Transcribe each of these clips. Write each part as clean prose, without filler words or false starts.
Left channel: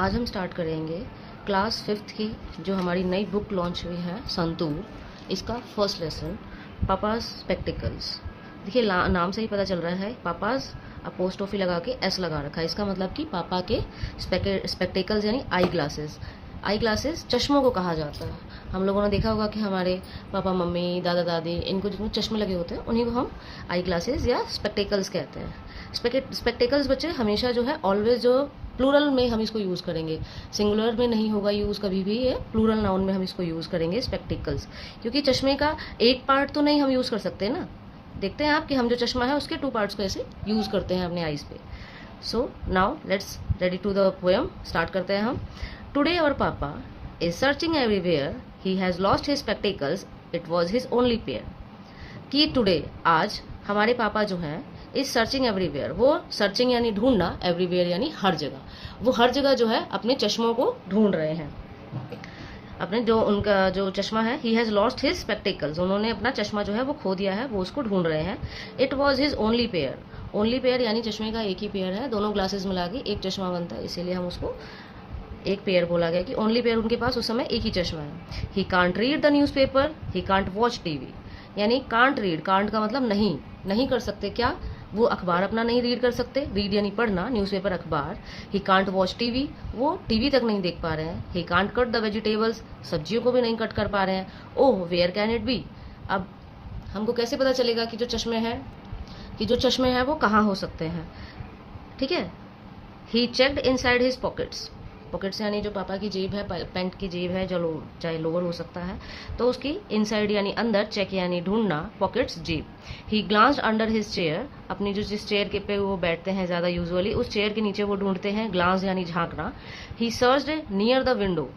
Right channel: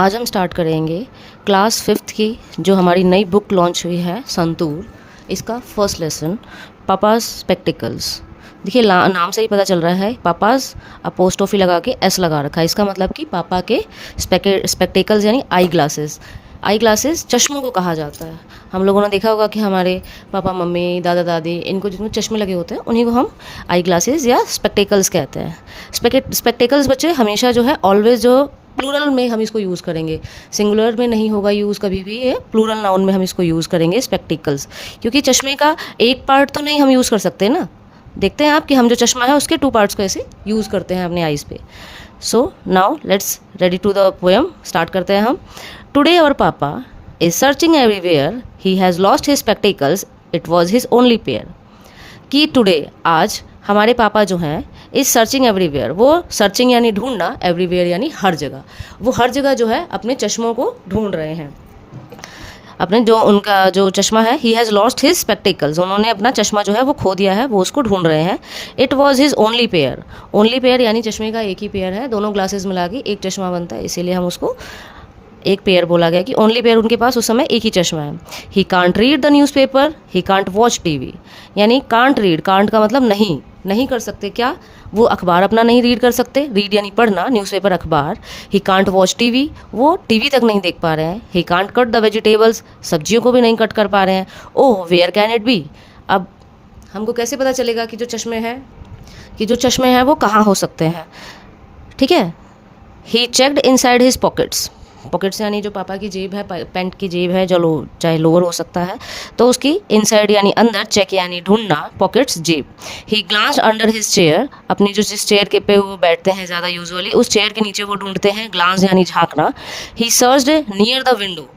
आज हम स्टार्ट करेंगे क्लास फिफ्थ की जो हमारी नई बुक लॉन्च हुई है संतूर, इसका फर्स्ट लेसन पापाज स्पेक्टिकल्स। देखिए नाम से ही पता चल रहा है, पापाज अपोस्ट्रोफी लगा के एस लगा रखा है। इसका मतलब कि पापा के स्पेक्टिकल्स यानी आई ग्लासेस। आई ग्लासेस चश्मों को कहा जाता है। हम लोगों ने देखा होगा कि हमारे पापा मम्मी दादा दादी इनको जितने चश्मे लगे होते हैं उन्हीं को हम आई ग्लासेस या स्पेक्टिकल्स कहते हैं। स्पेक्टिकल्स बच्चे हमेशा जो है ऑलवेज जो प्लूरल में हम इसको यूज़ करेंगे, सिंगुलर में नहीं होगा यूज़ कभी भी। ये प्लूरल नाउन में हम इसको यूज़ करेंगे स्पेक्टिकल्स, क्योंकि चश्मे का एक पार्ट तो नहीं हम यूज़ कर सकते ना। देखते हैं आप कि हम जो चश्मा है उसके टू पार्ट्स को ऐसे यूज़ करते हैं अपने आइज़ पे। So now let's ready to the poem, start करते हैं हम। Today our papa is searching everywhere, he has lost his spectacles, it was his only pair. कि टुडे आज हमारे पापा जो हैं इज सर्चिंग एवरीवेयर, वो सर्चिंग यानी ढूंढना, एवरीवेयर यानी हर जगह, वो हर जगह जो है अपने चश्मों को ढूंढ रहे हैं। अपने जो उनका जो चश्मा है, ही हैज़ लॉस्ट हिज स्पेक्टिकल्स, उन्होंने अपना चश्मा जो है वो खो दिया है, वो उसको ढूंढ रहे हैं। It was his only pair, only pair यानी चश्मे का एक ही पेयर है, दोनों ग्लासेस मिला के एक चश्मा बनता है, इसीलिए हम उसको एक पेयर बोला गया कि ओनली पेयर उनके पास उस समय एक ही चश्मा है। He can't read the newspaper, he can't watch TV, यानी कांट रीड, कांट का मतलब नहीं, नहीं कर सकते क्या, वो अखबार अपना नहीं रीड कर सकते, रीड यानी पढ़ना, न्यूज़पेपर अखबार। ही कांट वॉच टीवी, वो टीवी तक नहीं देख पा रहे हैं। He can't cut the vegetables, सब्जियों को भी नहीं कट कर पा रहे हैं। ओह वेयर कैन इट बी, अब हमको कैसे पता चलेगा कि जो चश्मे हैं वो कहाँ हो सकते हैं, ठीक है। He checked inside his pockets, pockets यानी जो पापा की जेब है, पैंट की जेब है, जो चाहे लोअर हो सकता है, तो उसकी इनसाइड यानी अंदर, चेक यानी ढूंढना, पॉकेट्स जेब। ही ग्लांस अंडर हिज चेयर, अपनी जो जिस चेयर के पे वो बैठते हैं ज़्यादा यूजुअली, उस चेयर के नीचे वो ढूंढते हैं, ग्लांस यानी झांकना। ही सर्च्ड नियर द विंडो,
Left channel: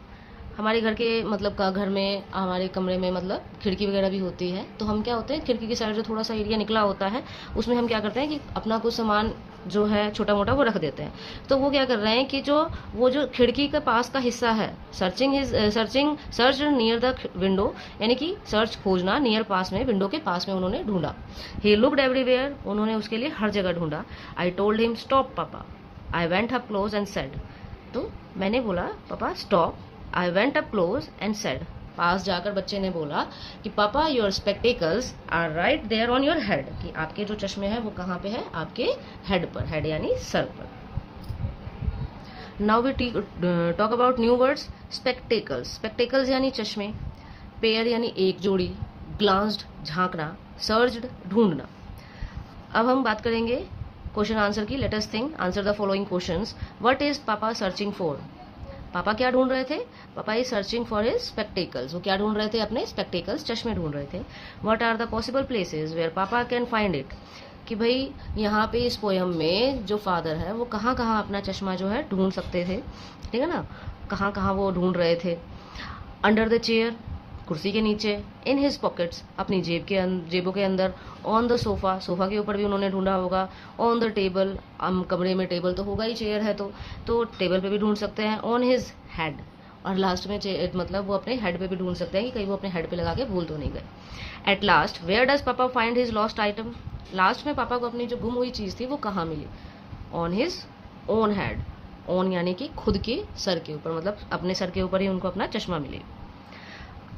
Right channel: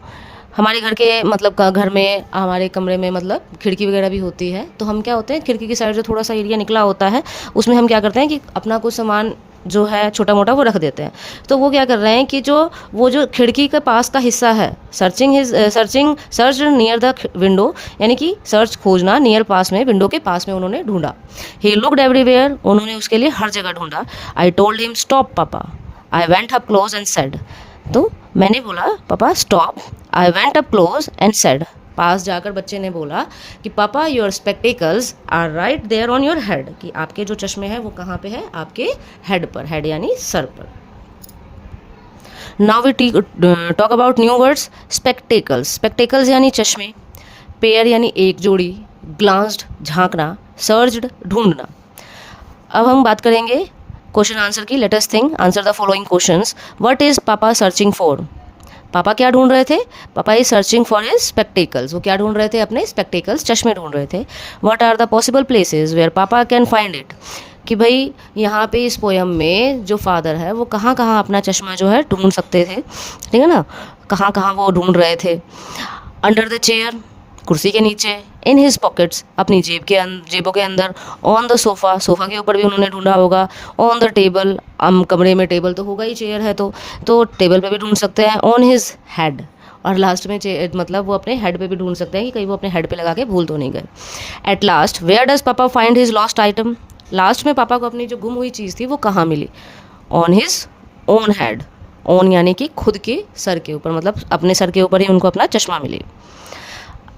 हमारे घर के मतलब घर में, हमारे कमरे में मतलब खिड़की वगैरह भी होती है, तो हम क्या होते हैं, खिड़की की साइड जो थोड़ा सा एरिया निकला होता है उसमें हम क्या करते हैं कि अपना कुछ सामान जो है छोटा मोटा वो रख देते हैं। तो वो क्या कर रहे हैं कि वो जो खिड़की के पास का हिस्सा है, सर्च नियर द विंडो, यानी कि सर्च खोजना, नियर पास में, विंडो के पास में उन्होंने ढूंढा। ही लुक्ड एवरीवेयर, उन्होंने उसके लिए हर जगह ढूंढा। I told him stop papa, I went up close and said, तो मैंने बोला papa stop, I went up close and said, पास जाकर बच्चे ने बोला कि papa your spectacles are right there on your head, कि आपके जो चश्मे हैं वो कहाँ पे है, आपके हेड पर, हेड यानी सर पर। Now we talk about new words. Spectacles, spectacles यानी चश्मे, पेयर यानी एक जोड़ी, ग्लांस्ड झांकना, सर्च्ड ढूंढना। अब हम बात करेंगे क्वेश्चन आंसर की। Let us think, answer the following questions. What is पापा सर्चिंग फॉर, पापा क्या ढूंढ रहे थे, पापा is searching for his spectacles, वो क्या ढूंढ रहे थे, अपने स्पेक्टिकल्स, चश्मे ढूंढ रहे थे। What are the possible places where papa can find it, कि भाई यहाँ पे इस पोयम में जो फादर है वो कहाँ कहाँ अपना चश्मा जो है ढूंढ सकते थे, ठीक है ना, कहाँ कहाँ वो ढूंढ रहे थे। अंडर द चेयर, कुर्सी के नीचे। इन हिज पॉकेट्स, अपनी जेबों के अंदर। ऑन द सोफ़ा, सोफ़ा के ऊपर भी उन्होंने ढूंढा होगा। ऑन द टेबल, कमरे में टेबल तो होगा ही, चेयर है तो टेबल पे भी ढूंढ सकते हैं। ऑन हिज हेड, और लास्ट में मतलब वो अपने हेड पे भी ढूंढ सकते हैं कि कहीं वो अपने हेड पे लगा के भूल तो नहीं गए। एट लास्ट वेयर डज पापा find his lost item, last में पापा को अपनी जो गुम हुई चीज़ थी वो कहाँ मिली, on his own head, own यानी कि खुद के सर के ऊपर, मतलब अपने सर के ऊपर ही उनको अपना चश्मा मिली।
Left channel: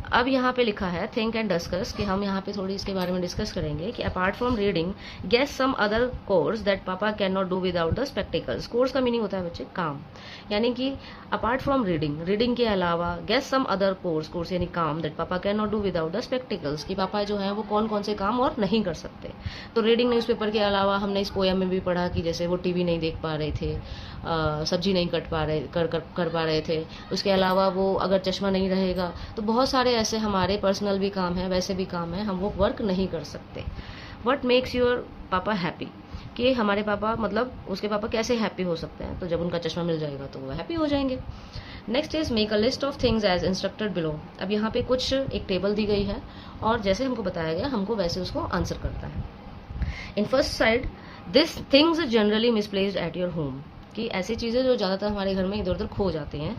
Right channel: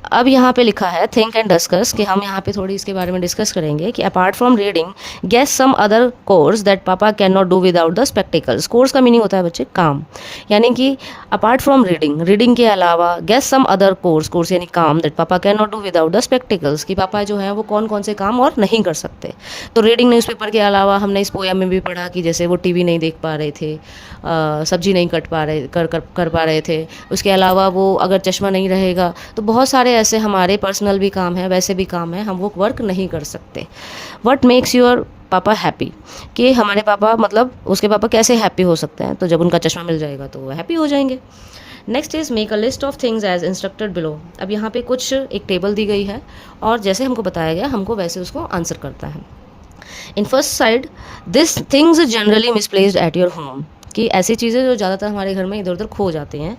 अब यहाँ पे लिखा है थिंक एंड डिस्कस, कि हम यहाँ पे थोड़ी इसके बारे में डिस्कस करेंगे कि apart from reading guess some other course that papa can not do without the spectacles. Course का मीनिंग होता है बच्चे काम, यानी कि अपार्ट फ्रॉम रीडिंग, रीडिंग के अलावा, guess some other course, course यानी काम, that papa can not do without the spectacles, कि पापा जो है वो कौन कौन से काम और नहीं कर सकते। तो रीडिंग न्यूज़पेपर के अलावा हमने इस पोयम में भी पढ़ा कि जैसे वो टीवी नहीं देख पा रहे थे, सब्जी नहीं कट पा रहे कर पा रहे थे। उसके अलावा वो अगर चश्मा नहीं रहेगा तो बहुत सारे ऐसे हमारे पर्सनल भी काम है, वैसे भी काम है, हम वो वर्क नहीं कर सकते। व्हाट मेक्स योर पापा हैप्पी, कि हमारे पापा मतलब उसके पापा कैसे हैप्पी हो सकते हैं, तो जब उनका चश्मा मिल जाएगा तो वो हैप्पी हो जाएंगे। Next is make a list of things as instructed below. अब यहाँ पे कुछ एक टेबल दी गई है और जैसे हमको बताया गया हमको वैसे उसको आंसर करता है। In first side, this things generally misplaced at your home, कि ऐसी चीज़ें जो ज़्यादातर हमारे घर में इधर उधर खो जाती हैं,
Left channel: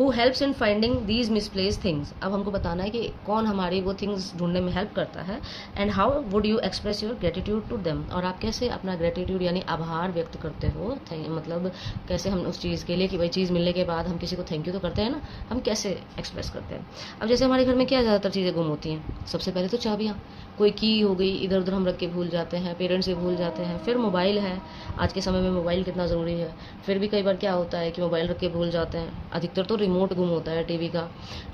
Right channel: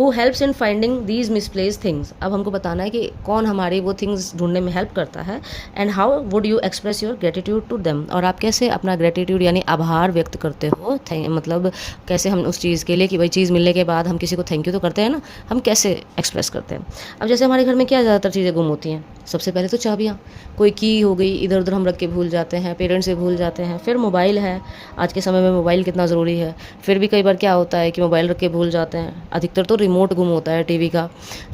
who helps in finding these misplace things. अब हमको बताना है कि कौन हमारे वो थिंग्स ढूंढने में हेल्प करता है, and how would you express your gratitude to them, और आप कैसे अपना ग्रेटिट्यूड यानी आभार व्यक्त करते हो, मतलब कैसे हम उस चीज़ के लिए कि भाई चीज़ मिलने के बाद हम किसी को थैंक यू तो करते हैं ना, हम कैसे एक्सप्रेस करते हैं। अब जैसे हमारे घर में क्या ज़्यादातर चीज़ें गुम होती हैं, सबसे पहले तो चाबियाँ, कोई की हो गई इधर उधर हम रख के भूल जाते हैं, पेरेंट्स से भूल जाते हैं, फिर मोबाइल है, आज के समय में मोबाइल कितना ज़रूरी है, फिर भी कई बार क्या होता है कि मोबाइल रख के भूल जाते हैं, अधिकतर तो रिमोट गुम होता है टीवी का।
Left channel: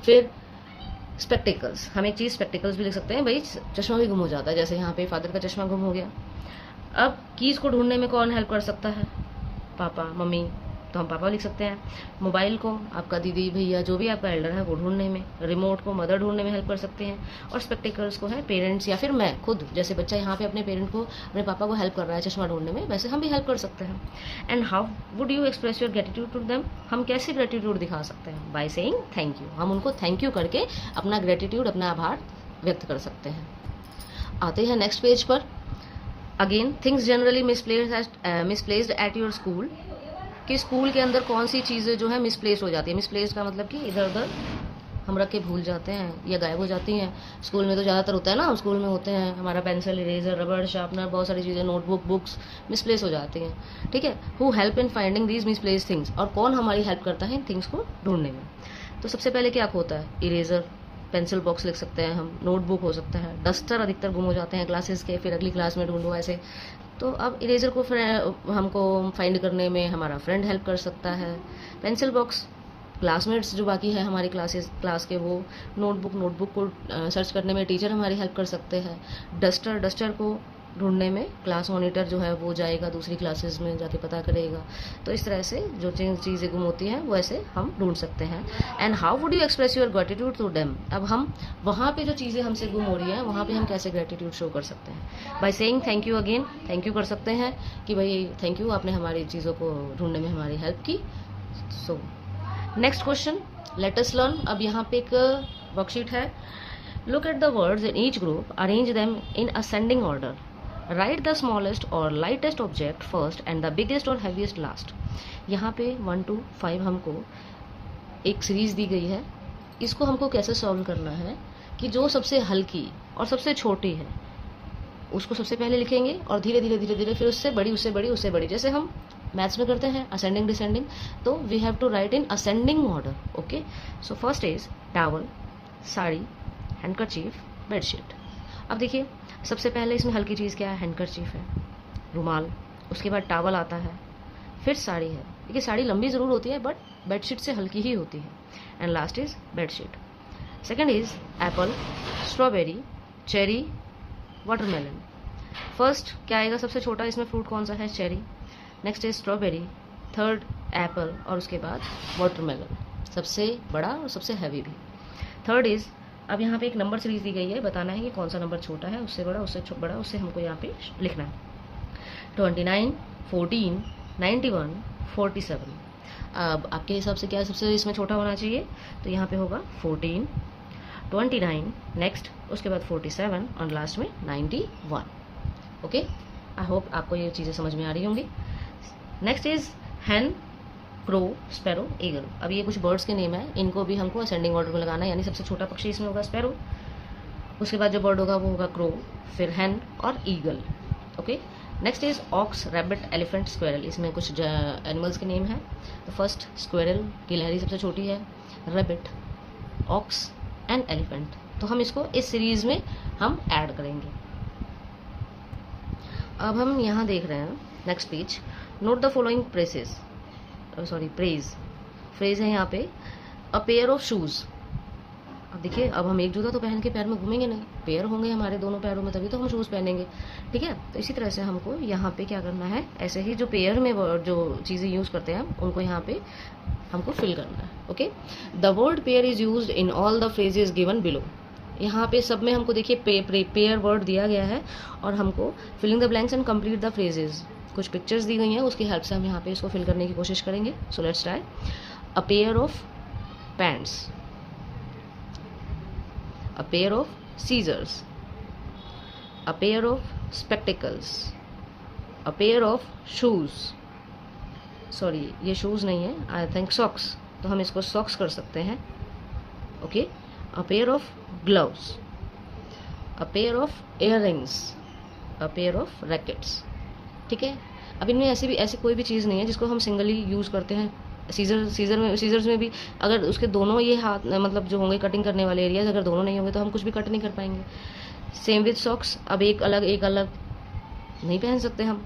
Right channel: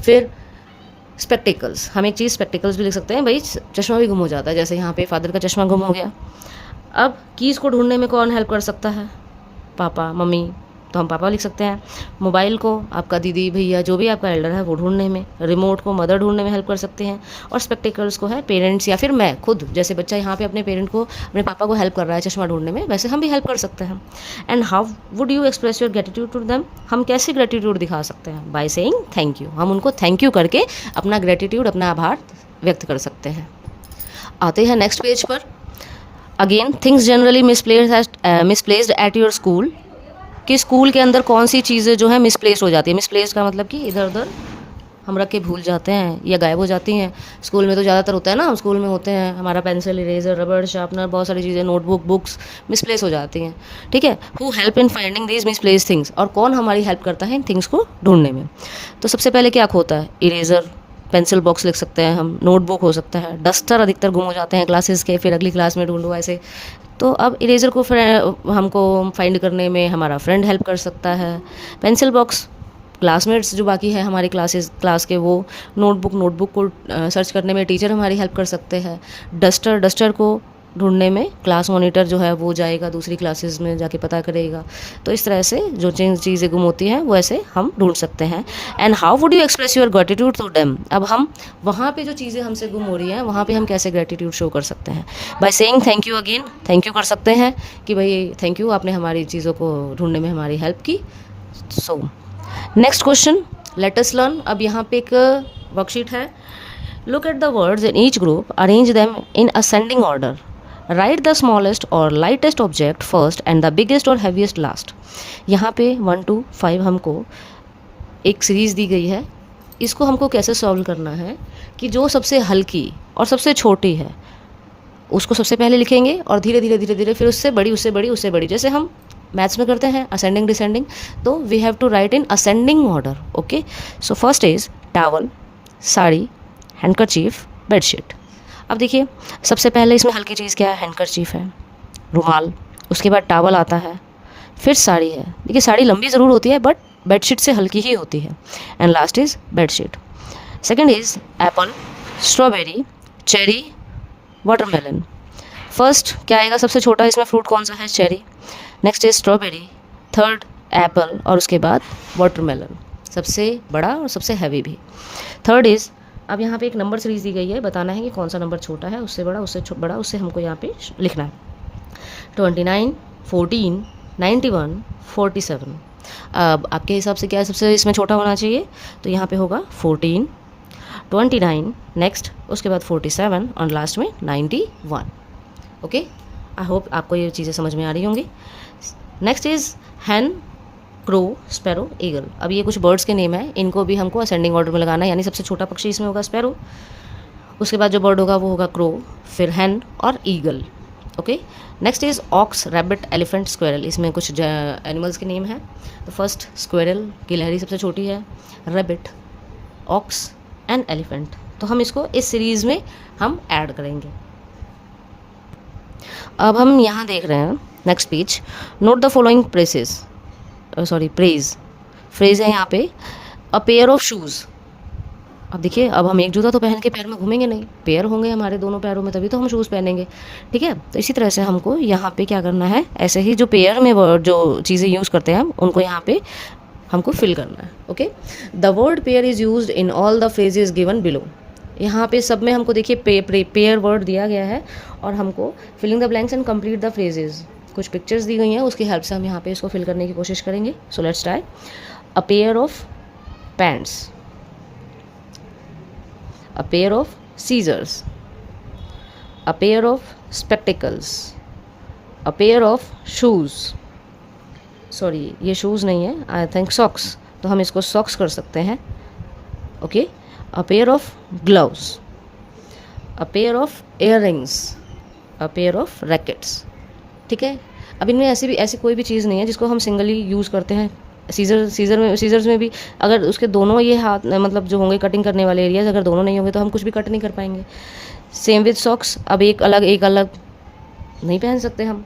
फिर स्पेक्टिकल्स, हम एक चीज़ स्पेक्टिकल्स भी लिख सकते हैं, भाई चश्मा भी गुम हो जाता है, जैसे यहाँ पे फादर का चश्मा गुम हो गया। अब कीज़ को ढूंढने में कौन हेल्प कर सकता है, पापा मम्मी, तो हम पापा लिख सकते हैं। मोबाइल को आपका दीदी भैया जो भी आपका एल्डर है वो ढूंढने में, रिमोट को मदर ढूंढने में हेल्प कर सकते हैं, और स्पेक्टिकल्स को है पेरेंट्स या फिर मैं खुद, जैसे बच्चा यहाँ पे अपने पेरेंट को, अपने पापा को हेल्प कर रहा है चश्मा ढूंढने में, वैसे हम भी हेल्प कर सकते हैं। And how would you express your gratitude to them, हम कैसे ग्रेटिट्यूड दिखा सकते हैं, बाय सेइंग थैंक यू, हम उनको थैंक यू करके अपना ग्रेटिट्यूड, अपना आभार व्यक्त कर सकते हैं। आते हैं नेक्स्ट पेज पर। Again things generally misplaced at your school, कि स्कूल के अंदर कौन सी चीज़ें जो है मिसप्लेस हो जाती है। मिसप्लेस का मतलब कि इधर उधर हम रख के भूल जाते हैं या गायब हो जाती हैं। स्कूल में तो ज़्यादातर होता है ना, स्कूल में होते हैं हमारा पेंसिल, इरेजर, रबड़, शार्पनर, बहुत सारी चीज़ें, नोटबुक, बुक्स मिसप्लेस हो जाती हैं। ठीक है, who help in finding these misplace things, और कौन हमारी हेल्प करता है इन थिंग्स को ढूंढने में। तो सबसे पहले क्या होता है, इरेजर, पेंसिल बॉक्स लिख सकते हैं हम, नोटबुक हो सकता है, डस्टर अधिकतर गुम हो जाते हैं क्लासेस के, फिर अगली क्लास में ढूंढो ऐसे। तो अब इरेजर को हमको फाइंड करने में हमारा फ्रेंड हेल्प कर सकता है। पेंसिल बॉक्स क्लासमेट्स जो बाकी है हमारे क्लास के, वो नोटबुक को सर्च करने में टीचर हमारी हेल्प कर सकते हैं। डस्टर को ढूंढने में क्लास मॉनिटर जो है वो जाएगा दूसरी क्लासेस में जाके पता करेगा। तो इस तरह से जो चीज़ें गुम होती हैं वो ऐसे हम ढूंढ सकते हैं। And how would you express your gratitude to them, अब हम वहाँ पे जो चीज़ें हमसे गुम हो रही हैं वहाँ पे हम कैसे ग्रेटिट्यूड शो कर सकते हैं, by saying thank you again, thank you कर सकते हैं कि भाई थैंक यू, आपने हमारी चीज़ों को ढूंढने में हमारी हेल्प की। So next question, let us learn. अब यहाँ पे एक वर्कशीट है, look at the words in each group, arrange them in ascending order, write the smallest or lightest object first and the biggest or heaviest last. यहाँ पे 1 to 5 हमको एक series दी गई है, इसको हमको कैसे सॉल्व करना है कि जो सबसे हल्की और सबसे छोटी है उसको सबसे पहले लिखेंगे, और धीरे धीरे फिर उससे बड़ी, जैसे हम मैथ्स में करते हैं असेंडिंग डिसेंडिंग, तो we have to write in ascending order. Okay, so first is towel, sari, handkerchief, bedsheet. अब देखिए सबसे पहले इसमें हल्की चीज़ क्या है, हैंडकरचीफ है, रुमाल, उसके बाद टॉवल आता है, फिर साड़ी है। देखिए साड़ी लंबी ज़रूर होती है बट बेडशीट से हल्की ही होती है, and last is bedsheet. Second is Apple, strawberry, cherry, watermelon. First क्या आएगा, सबसे छोटा इसमें फ्रूट कौन सा है, cherry, next is strawberry, third Apple, और उसके बाद वाटरमेलन, सबसे बड़ा और सबसे हैवी भी। थर्ड इज़, अब यहाँ पे एक नंबर सीरीज दी गई है, बताना है कि कौन सा नंबर छोटा है, उससे बड़ा, उससे बड़ा, उससे हमको यहाँ पे लिखना है। 29, 14, 91, 47। अब आपके हिसाब से क्या सबसे इसमें छोटा होना चाहिए, तो यहाँ पे होगा 14, 29, नेक्स्ट उसके बाद 47 और लास्ट में 91। ओके, आई होप आपको ये चीज़ें समझ में आ रही होंगी। Next is hen, crow, sparrow, eagle. अब ये कुछ बर्ड्स के नेम है, इनको भी हमको असेंडिंग ऑर्डर में लगाना है, यानी सबसे छोटा पक्षी इसमें होगा स्पैरो, उसके बाद जो बर्ड होगा वो होगा क्रो, फिर हैन और eagle. Okay, next is ox, rabbit, elephant, squirrel. इसमें कुछ एनिमल्स के नेम हैं। तो फर्स्ट स्क्वेरल, गिलहरी सबसे छोटी है, रैबिट, ऑक्स एंड एलिफेंट। तो हम इसको इस सीरीज़ में हम ऐड करेंगे। अब हम यहाँ देख रहे हैं next page, note the following praise phrase है यहाँ पे, अ पेयर ऑफ शूज़। अब देखिए, अब हम एक जूता तो पहन के पैर में घूमेंगे नहीं, पेयर होंगे हमारे दोनों पैरों में, तभी तो हम शूज़ पहनेंगे। ठीक है, तो इसी तरह से हमको यहाँ पे क्या करना है, ऐसे ही जो पेयर में जो चीज़ें यूज़ करते हैं हम उनको यहाँ पे हमको फिल करना है। Okay, the word pair is used in all the phrases given below. यहाँ पे सब में हमको देखिए पेयर वर्ड दिया गया है, और हमको filling the blanks and complete the phrases, कुछ पिक्चर्स दी गई हैं, उसकी हेल्प से हम यहाँ पे इसको फिल करने की कोशिश करेंगे। So let's try. A pair of pants, a pair of scissors, a pair of spectacles, a pair of shoes, sorry ये शूज़ नहीं है, आई थिंक सॉक्स, तो हम इसको सॉक्स कर सकते हैं। Okay, a pair of gloves, a pair of earrings, a pair of rackets. ठीक है, अब इनमें ऐसी कोई भी चीज़ नहीं है जिसको हम सिंगली यूज़ करते हैं। सीजर्स में भी अगर उसके दोनों ये हाथ मतलब जो होंगे कटिंग करने वाले एरियाज, अगर दोनों नहीं होंगे तो हम कुछ भी कट नहीं कर पाएंगे। सेम विद सॉक्स, अब एक अलग नहीं पहन सकते हम।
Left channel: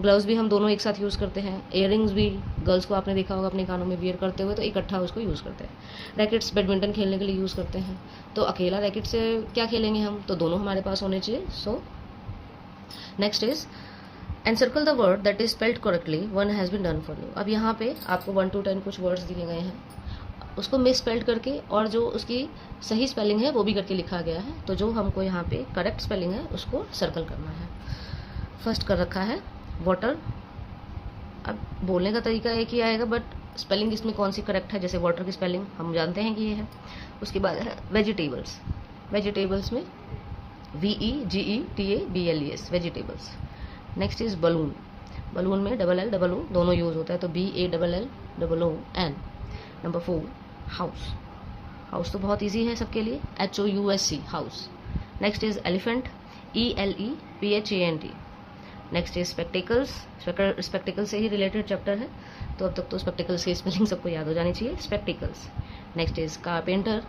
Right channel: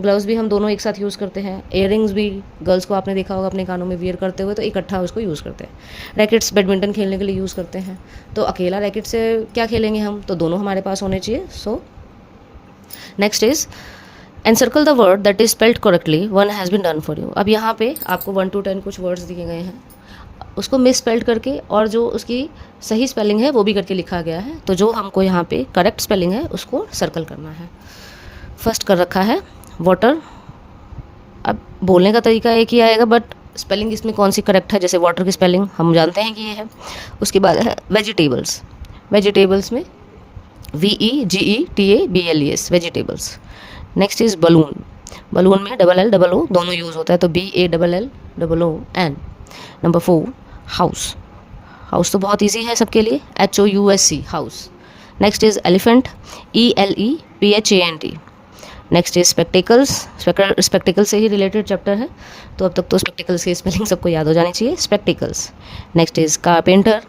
ग्लव्स भी हम दोनों एक साथ यूज़ करते हैं। इयररिंग्स भी गर्ल्स को आपने देखा होगा अपने कानों में वियर करते हुए, तो इकट्ठा उसको यूज़ करते हैं। रैकेट्स बैडमिंटन खेलने के लिए यूज़ करते हैं, तो अकेला रैकेट से क्या खेलेंगे हम, तो दोनों हमारे पास होने चाहिए। So next is encircle the word that is spelled correctly, one has been done for you. अब यहाँ पे आपको 1 to 10 कुछ वर्ड्स दिए गए हैं, उसको मिस स्पेल्ड करके और जो उसकी सही स्पेलिंग है वो भी करके लिखा गया है। तो जो हमको यहाँ पे करेक्ट स्पेलिंग है उसको सर्कल करना है। फर्स्ट कर रखा है वाटर। अब बोलने का तरीका एक ही आएगा, बट स्पेलिंग इसमें कौन सी करेक्ट है, जैसे वाटर की स्पेलिंग हम जानते हैं कि ये है। उसके बाद है वेजिटेबल्स। वेजिटेबल्स में VEGETABLES, vegetables. Next is balloon. Balloon में LLO दोनों यूज़ होता है, तो BALLOON। Number 4 house. हाउस तो बहुत इजी है सबके लिए, HOUSE, house. Next is elephant, ELEPHANT। Next is spectacles. Spectacled से ही रिलेटेड चैप्टर है, तो अब तक तो स्पेक्टिकल्स की स्पेलिंग सबको याद हो जानी चाहिए, spectacles. Next is carpenter,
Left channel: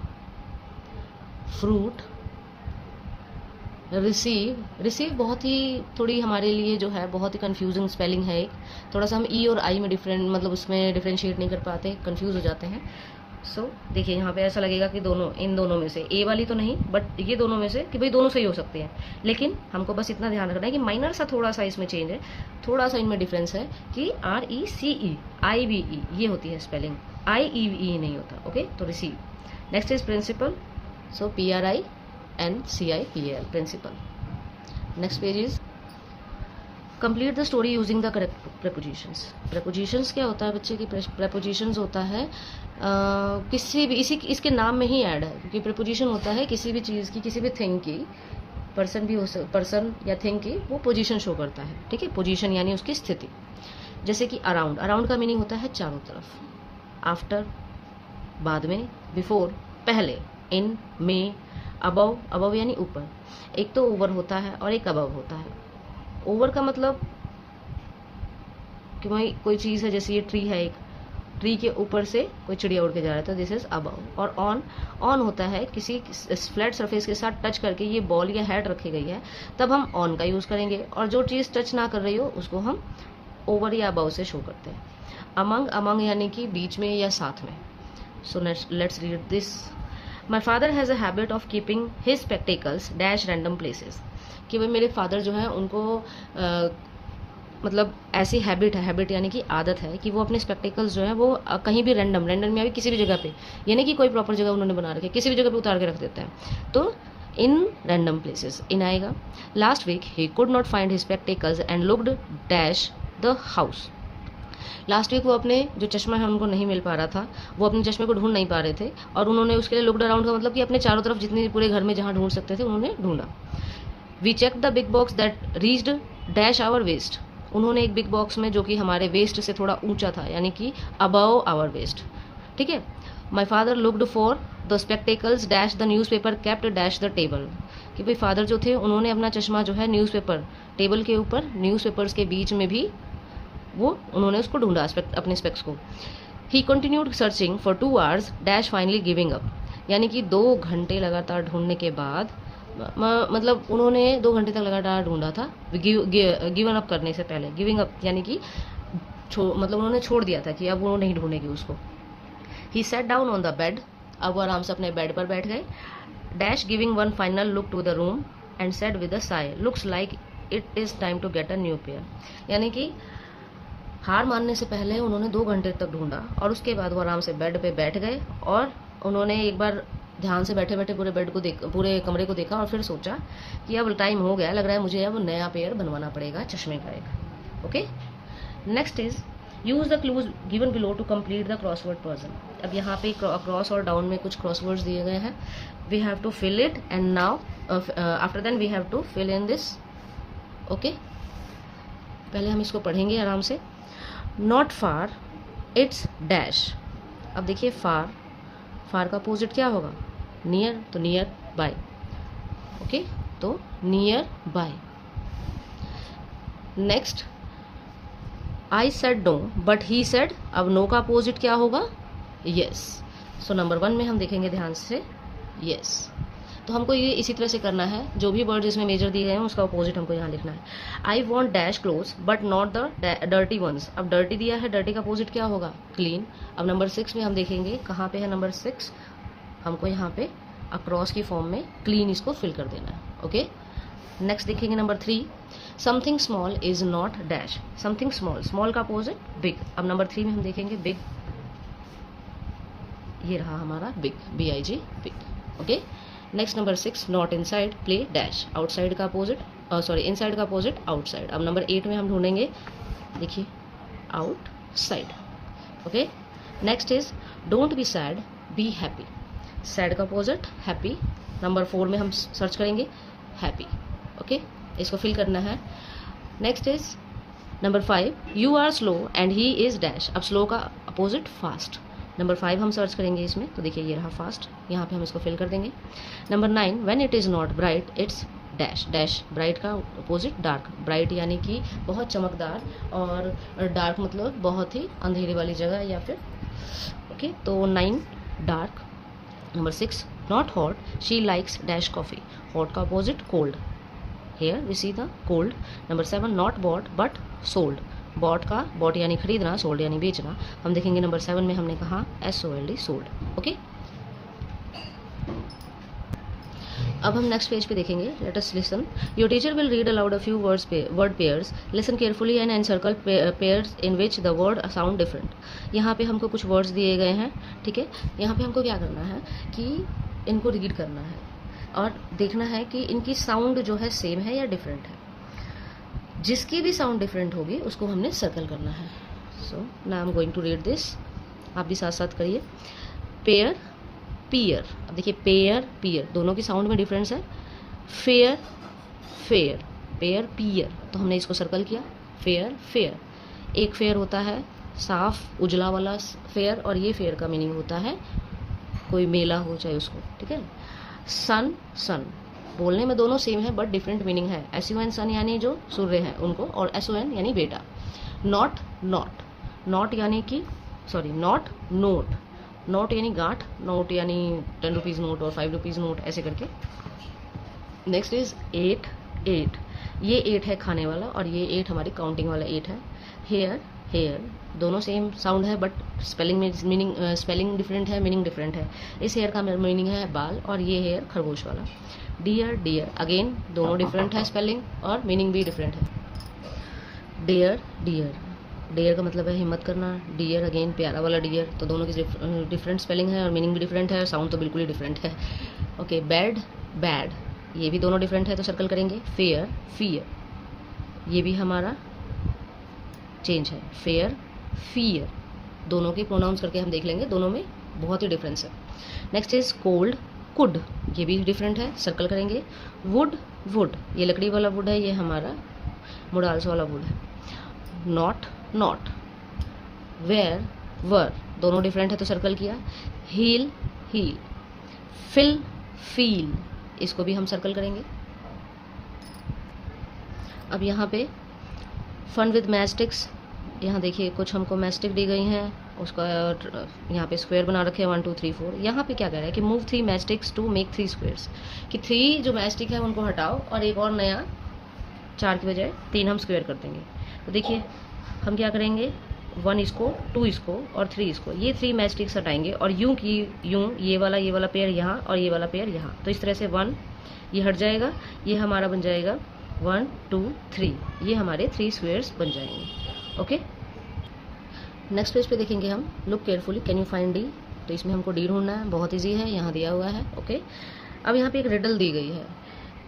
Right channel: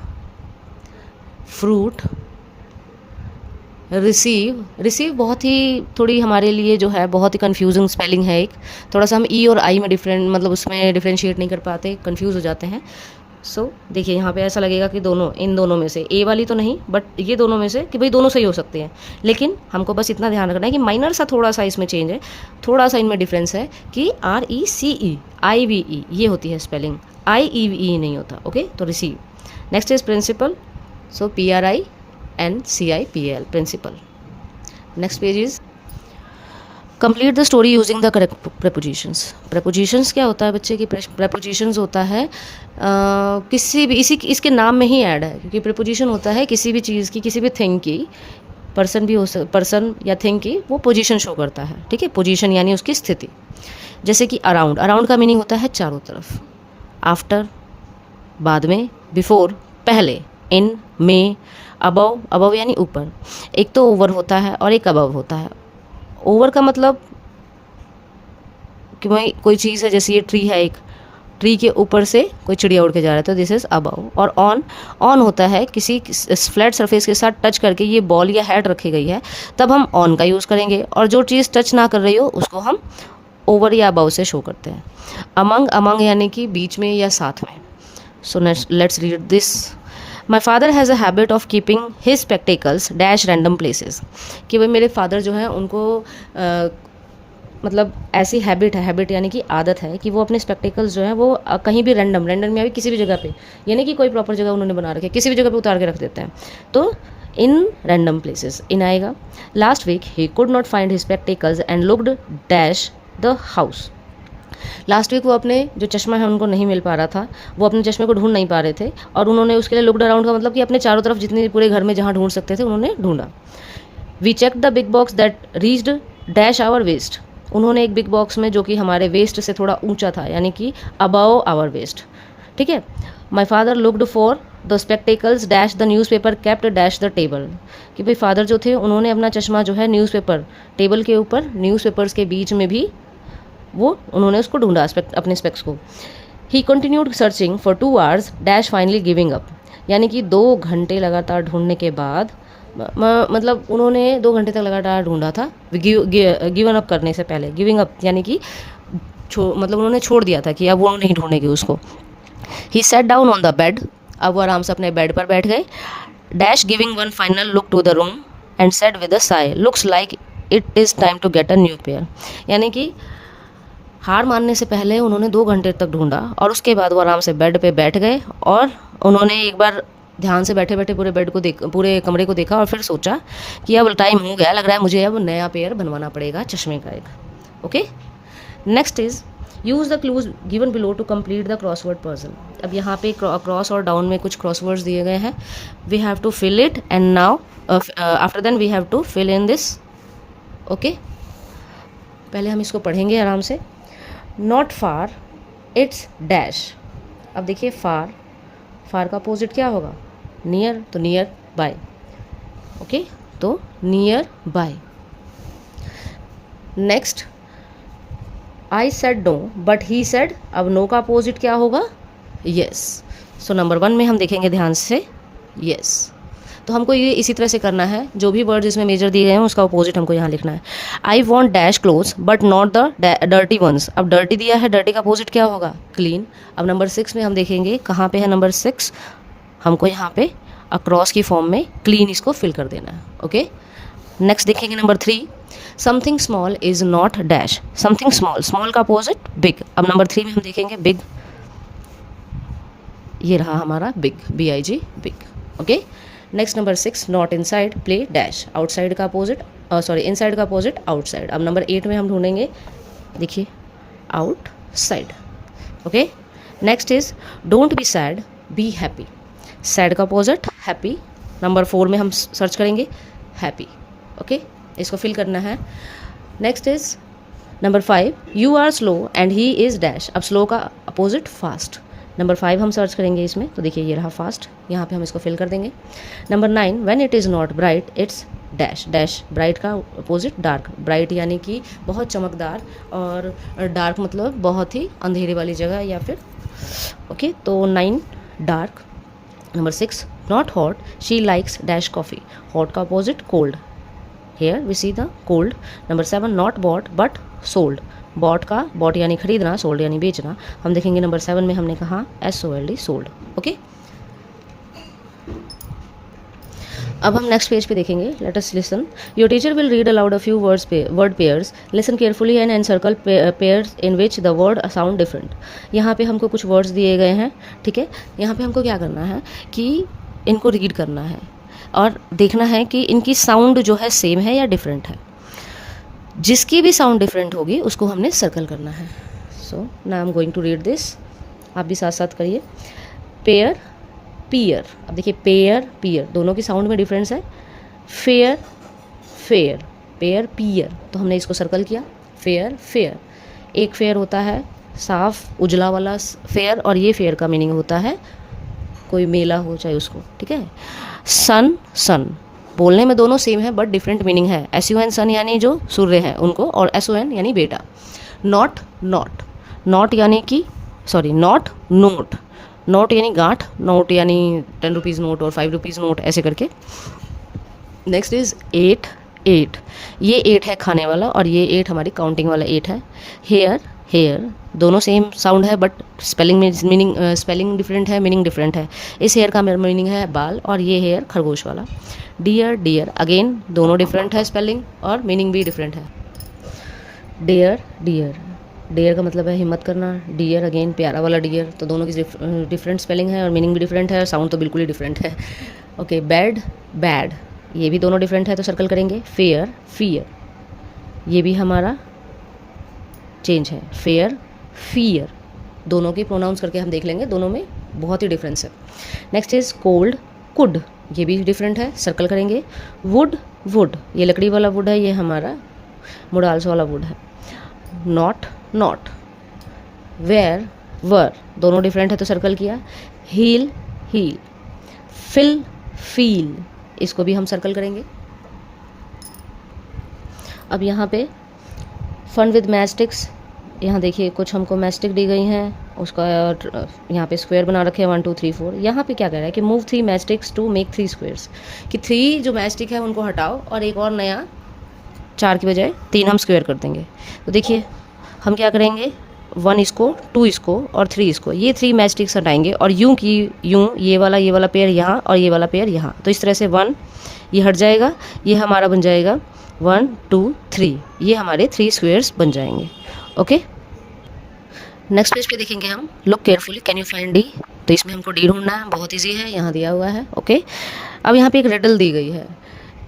fruit, receive. Receive बहुत ही थोड़ी हमारे लिए जो है बहुत ही कंफ्यूजिंग स्पेलिंग है एक, थोड़ा सा हम ई और आई में मतलब उसमें डिफ्रेंशिएट नहीं कर पाते, कंफ्यूज हो जाते हैं। सो देखिए यहाँ पे ऐसा लगेगा कि इन दोनों में से ए वाली तो नहीं, बट ये दोनों में से कि भाई दोनों सही हो सकते हैं, लेकिन हमको बस इतना ध्यान रखना है कि माइनर सा थोड़ा सा इसमें चेंज है, थोड़ा सा इनमें डिफरेंस है कि RECE IVE ये होती है स्पेलिंग, IEVE नहीं होता। ओके, तो receive. Next is principle, so PRINCIPL, principle. Next page is complete the story using the correct prepositions. Prepositions क्या होता है बच्चे की, प्रेपोजिशंस होता है किसी भी इसके नाम में ही ऐड है, क्योंकि प्रेपोजिशन होता है किसी भी चीज़ की, किसी भी थिंग की, पर्सन या थिंग की वो पोजीशन शो करता है। ठीक है, पोजीशन यानी उसकी स्थिति। जैसे कि अराउंड, अराउंड का मीनिंग होता है चारों तरफ। आफ्टर बाद में, बिफोर पहले, इन में, अबव, अबव यानी ऊपर। एक तो ओवर होता है और एक अबव होता है। ओवर का मतलब कि भाई कोई चीज़ है, जैसे ये ट्री है, एक ट्री के ऊपर से कोई चिड़िया उड़ के जा रहा है, तो दिस इज अबव। और ऑन, ऑन होता है किसी फ्लैट सरफेस के साथ टच करके ये बॉल या हैट रखी गई है, तब हम ऑन का यूज़ करेंगे, और जो चीज़ टच ना कर रही हो उसको हम ओवर या अबव से शो करते हैं। अमंग, अमंग यानी कि बीच में या साथ में। So let's read this. My father has a habit of keeping his spectacles dash random places. कि भाई मेरे फादर जो है उनको मतलब ऐसी हैबिट है, हैबिट यानी कि आदत है कि वो अपने स्पेक्टिकल्स जो है वो कहीं भी रैंडम में अभी किसी भी जगह पे, यानी कि कोई प्रॉपर जगह उन्होंने बना रखी है, किसी भी जगह पे उतार के रख देते हैं, तो इन रैंडम प्लेसेस इन आएगा। Last week he could not find his spectacles and looked dash the house. Last week वो अपने जो चश्मा है उनको नहीं मिल पा रहा था, वो अपने चश्मे को ढूंढ नहीं पा रहे थे, और उन्होंने उसके लिए लुक्ड अराउंड का मतलब कि अपने चारों तरफ जितने पूरे घर में जहाँ ढूंढ सकते थे उन्होंने ढूंढा। We check the big box that reached dash our waist. उन्होंने एक बिग बॉक्स में जो कि हमारे वेस्ट से थोड़ा ऊंचा था, यानी कि अबव आवर वेस्ट। ठीक है। My father looked for the spectacles dash the newspaper kept dash the table. कि भाई फादर जो थे उन्होंने अपना चश्मा जो है न्यूज़पेपर टेबल के ऊपर, न्यूज़पेपर्स के बीच में भी वो उन्होंने उसको ढूंढा अपने स्पेक्स को। ही continued searching for 2 hours dash finally giving up. यानी कि 2 घंटे लगातार ढूंढने के बाद, मतलब उन्होंने 2 घंटे तक लगातार ढूंढा था, गिवन अप करने से पहले। गिविंग अप यानी कि मतलब उन्होंने छोड़ दिया था कि अब वो नहीं ढूंढेंगे उसको। He set down on the bed. अब वो आराम से अपने बेड पर बैठ गए। Dash giving one final look to the room and said with a sigh looks like it is time to get a new pair. यानी कि हार मानने से पहले उन्होंने 2 घंटे तक ढूंढा, और उसके बाद वो आराम से बेड पे बैठ गए, और उन्होंने एक बार ध्यान से बैठे बैठे पूरे बेड को पूरे कमरे को देखा, और फिर सोचा कि अब टाइम हो गया, लग रहा है मुझे अब नया पेयर बनवाना पड़ेगा चश्मे का एक। Okay, next is use the clues given below to complete the crossword puzzle. अब यहाँ पे क्रॉस और डाउन में कुछ क्रॉसवर्ड्स दिए गए हैं। We have to fill it and now after then we have to fill in this. Okay, पहले हम इसको पढ़ेंगे आराम से। नॉट फार इट्स डैश अब देखिए फार, फार का अपोजिट क्या होगा? नियर, तो नियर बाय। ओके, तो nearby. Next, I said no but he said, अब नो का अपोजिट क्या होगा? यस। सो नंबर 1 में हम देखेंगे ध्यान से, यस। तो हमको ये इसी तरह से करना है, जो भी वर्ड इसमें मेजर दिए गए हैं उसका अपोजिट हमको यहाँ लिखना है। I want dash clothes but not the dirty ones, अब डर्टी दिया है, डर्टी का अपोजिट क्या होगा? क्लीन। अब नंबर 6 में हम देखेंगे, कहाँ पे है नंबर 6, हमको यहाँ पे अक्रॉस की फॉर्म में क्लीन इसको फिल कर देना है। ओके, नेक्स्ट देखेंगे number 3, something small is not dash, something small, small का अपोजिट बिग। अब नंबर 3 में हम देखेंगे बिग, ये रहा हमारा big, BIG, big. Okay, next number 6, not inside play dash, outside का अपोजिट, सॉरी इनसाइड का अपोजिट आउटसाइड। अब नंबर 8 में हम ढूंढेंगे, देखिए outside. Okay, next is don't be sad be happy, sad का अपोजिट हैप्पी। नंबर 4 में हम सर्च करेंगे हैप्पी। ओके, इसको फिल करना है। Next is number 5, you are slow and he is dash, अब स्लो का अपोजिट फास्ट। नंबर 5 हम सर्च करेंगे इसमें, तो देखिए ये रहा फास्ट, यहाँ पे हम इसको फिल कर देंगे। Number 9, when it is not bright it's dash, dash bright का अपोजिट डार्क, ब्राइट यानी कि बहुत चमकदार, और डार्क मतलब बहुत ही अंधेरे वाली जगह या फिर। ओके, तो 9 dark. Number 6, not hot she likes dash coffee, hot का opposite cold, here we see the cold. Number 7, not bought but sold, bought का बॉट यानी खरीदना, सोल्ड यानी बेचना। हम देखेंगे नंबर 7 में हमने कहा SOLD, सोल्ड। ओके, अब हम नेक्स्ट पेज पे देखेंगे, let us listen. Your teacher will read aloud a few word pairs, listen carefully and encircle pairs in which the word sound different. यहाँ पे हमको कुछ वर्ड्स दिए गए हैं, ठीक है। यहाँ पे हमको क्या करना है कि इनको रीड करना है और देखना है कि इनकी साउंड जो है सेम है या डिफरेंट है। जिसकी भी साउंड डिफरेंट होगी उसको हमने सर्कल करना है। So now I am going to read this, आप भी साथ साथ करिए। पेयर, पियर, अब देखिए पेयर पियर दोनों की साउंड में डिफरेंस है। फेयर फेयर, पेयर पियर, तो हमने इसको सर्कल किया। फेयर फेयर, एक फेयर होता है साफ उजला वाला फेयर, और ये फेयर का मीनिंग होता है कोई मेला हो चाहे उसको, ठीक है। सन सन, बोलने में दोनों सेम है बट डिफरेंट मीनिंग है। SUN सन यानी जो सूर्य हैं उनको, और SON यानी बेटा। नॉट नॉट, नॉट यानी कि सॉरी नॉट नोट, नोट यानी गांठ, नोट यानी 10 रुपीज़ नोट और 5 रुपीज़ नोट, ऐसे करके। नेक्स्ट इज 8 8, ये 8 है खाने वाला और ये 8 हमारी काउंटिंग वाला 8 है। हेयर हेयर, दोनों सेम साउंड है बट स्पेलिंग में मीनिंग स्पेलिंग डिफरेंट है, मीनिंग डिफरेंट है। इस हेयर का मीनिंग है बाल और ये हेयर खरगोश वाला। डियर डियर, अगेन दोनों डिफरेंट है, स्पेलिंग और मीनिंग भी डिफरेंट है। डियर डियर, डियर का मतलब है हिम्मत करना, डियर अगेन प्यारा वाला डियर, तो दोनों की डिफरेंट स्पेलिंग है और मीनिंग भी डिफरेंट है और साउंड तो बिल्कुल ही डिफरेंट है। ओके, बैड बैड, ये भी दोनों डिफरेंट है तो सर्कल करेंगे। फेयर फियर, ये भी हमारा चेंज है। फेयर फियर, दोनों की प्रोनाउंस करके हम देख लेंगे, दोनों में बहुत ही डिफरेंस है। नेक्स्ट इज कोल्ड कुड, ये भी डिफरेंट है, सर्कल करेंगे। वुड वुड, ये लकड़ी वाला वुड है, ये हमारा मुडाल्स वाला वुड है। नॉट नॉट, वेयर वर, दोनों डिफरेंट है तो सर्कल किया। हील हील, फिल फील, इसको भी हम सर्कल करेंगे। अब यहाँ पे फन विद मैस्टिक्स, यहाँ देखिए कुछ हमको मैस्टिक दी गई हैं, उसका यहाँ पे स्क्वायर बना रखे हैं 1 2 3 4। यहाँ पे क्या कह रहा है कि मूव 3 मैस्टिक्स टू मेक 3 स्क्वायर्स, कि 3 जो मैस्टिक है उनको हटाओ और एक और नया 4 की बजाय 3 हम स्क्वायर कर देंगे। तो देखिए हम क्या करेंगे, 1 इसको, 2 इसको और 3 इसको, ये 3 मैस्टिक्स हटाएंगे और यूं की यूं ये वाला पेयर यहाँ और ये वाला पेयर यहाँ, तो इस तरह से 1 ये हट जाएगा, ये हमारा बन जाएगा 1 2 3, ये हमारे 3 स्क्वायर्स बन जाएंगे। ओके, नेक्स्ट पेज पे देखेंगे हम। Look carefully can you find D, तो इसमें हमको डी ढूंढना है, बहुत ईजी है, यहाँ दिया हुआ है। ओके, अब यहाँ पे एक रिडल दी गई है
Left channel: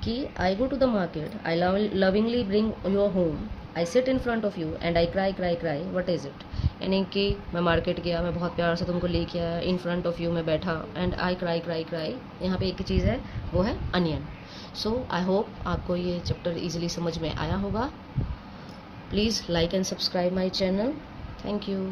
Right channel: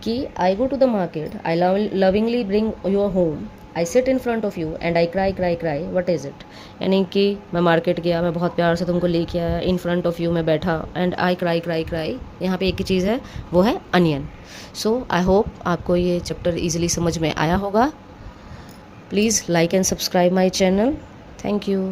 कि I go to the market, I lovingly bring your home, I sit in front of you and I cry cry cry, what is it. यानी कि मैं मार्केट गया, मैं बहुत प्यार से तुमको लेके आया, इन फ्रंट ऑफ यू मैं बैठा, and I cry cry cry, यहाँ पे एक ही चीज़ है, वो है अनियन। सो आई होप आपको ये चैप्टर ईजिली समझ में आया होगा। Please like and subscribe my channel. Thank you.